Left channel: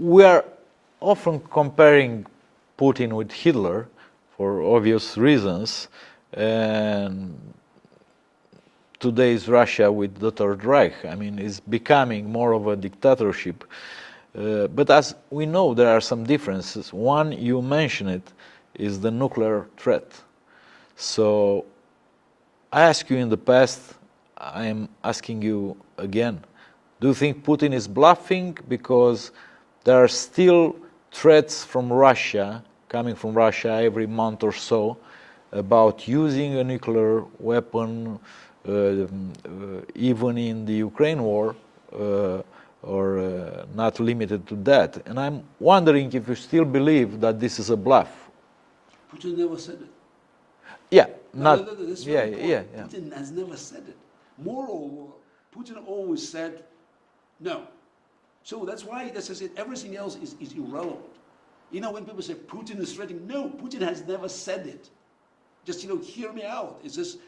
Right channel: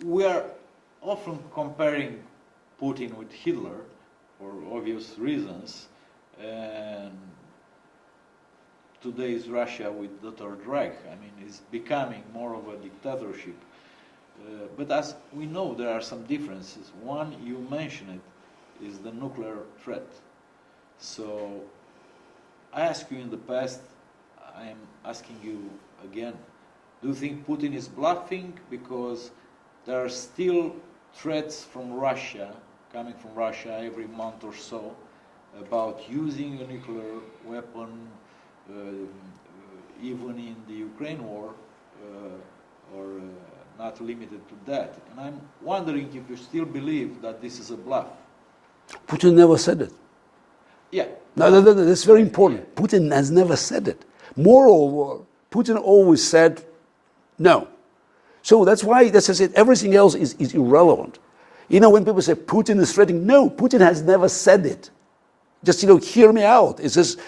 we are often comparing Putin with Hitler for obvious reasons, and today's Russia with the Third Reich. I mean, it's becoming more of a dictatorship. But as we know, there are some differences. One, you mentioned it, is the nuclear threat. So I asked you in the past, I am asking you again, do you think Putin is bluffing because there are still threats from Russia, coming from Russia every month or so, about using a nuclear weapon, even in the Ukraine war, or not limited to that? And I'm wondering if you still believe that this is a bluff. Putin never said it. Yeah. No, that's very important. Yeah. Putin has never said it. Moreover, Putin always said no. So that's why, as I said, everything else is irrelevant. You know, when people say Putin is threatening, no, Putin has never said it. Just, hear me out. It's just,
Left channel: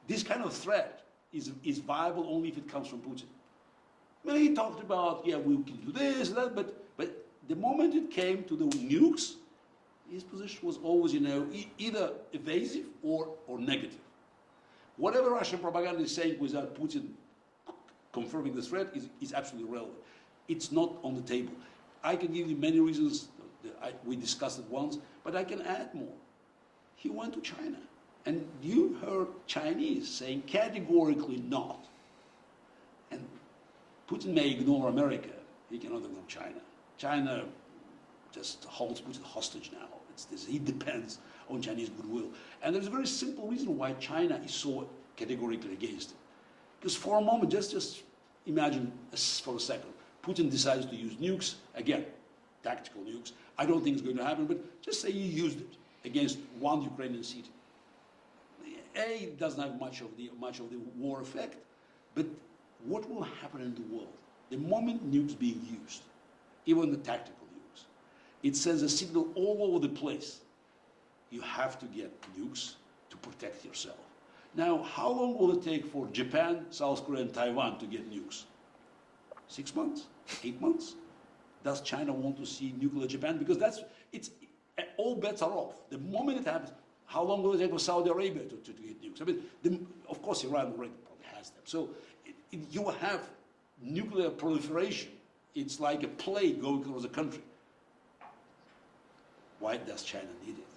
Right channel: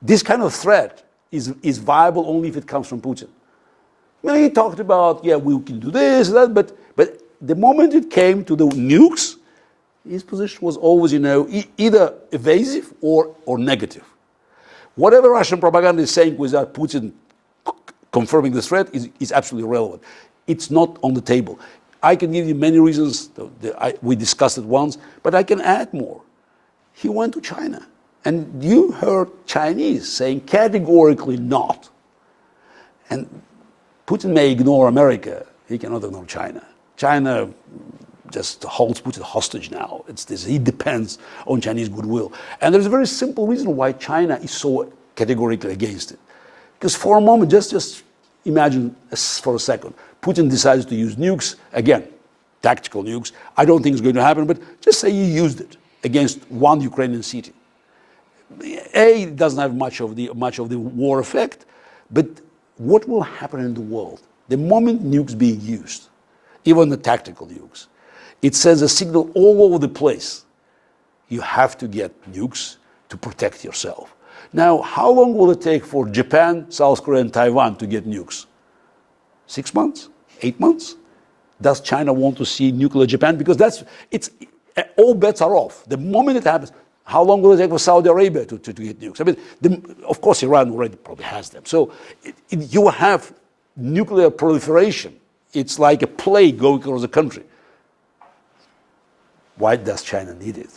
this kind of threat is viable only if it comes from Putin. Well, he talked about, yeah, we can do this, that, but the moment it came to the nukes, his position was always, either evasive or negative. Whatever Russian propaganda is saying without Putin confirming the threat is absolutely irrelevant. It's not on the table. I can give you many reasons. We discussed it once, but I can add more. He went to China, and you heard Chinese saying categorically not. And Putin may ignore America. He cannot ignore China. China just holds Putin hostage now. He depends on Chinese goodwill. And there's a very simple reason why China is so categorically against it. Because for a moment, just imagine for a second, Putin decides to use nukes, again, tactical nukes. I don't think it's going to happen, but just say he used it against one Ukrainian city. It doesn't have much of the war effect, but what will happen in the world? The moment nukes being used, even the tactical nukes, it sends a signal all over the place. You have to get nukes to protect yourself. Now, how long will it take for Japan, South Korea, and Taiwan to get nukes? 6 months? 8 months? Does China want to see nuclear Japan? Because all bets are off. The moment it happens, how long will it take for Saudi Arabia to get nukes? I mean, of course, Iran already probably has them. So you have nuclear proliferation. It's like a plague going across the country. Why does China need it?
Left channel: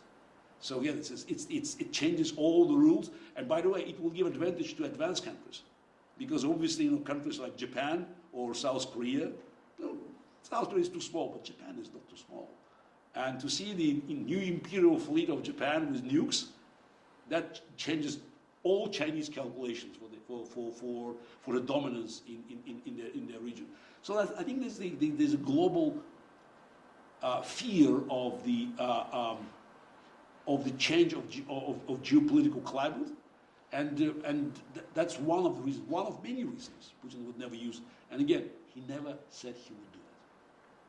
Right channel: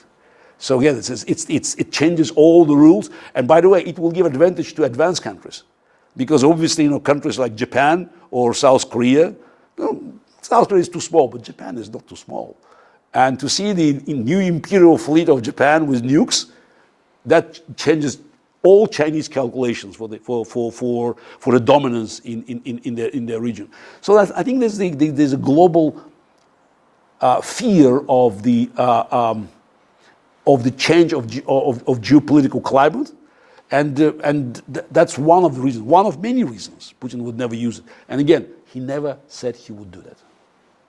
So again, it changes all the rules. And by the way, it will give advantage to advanced countries. Because obviously, countries like Japan or South Korea, South Korea is too small, but Japan is not too small. And to see the new imperial fleet of Japan with nukes, that changes all Chinese calculations for the dominance in their region. So I think there's a global fear of the change of geopolitical climate, and that's one of the reasons, one of many reasons Putin would never use it. And again, he never said he would do that.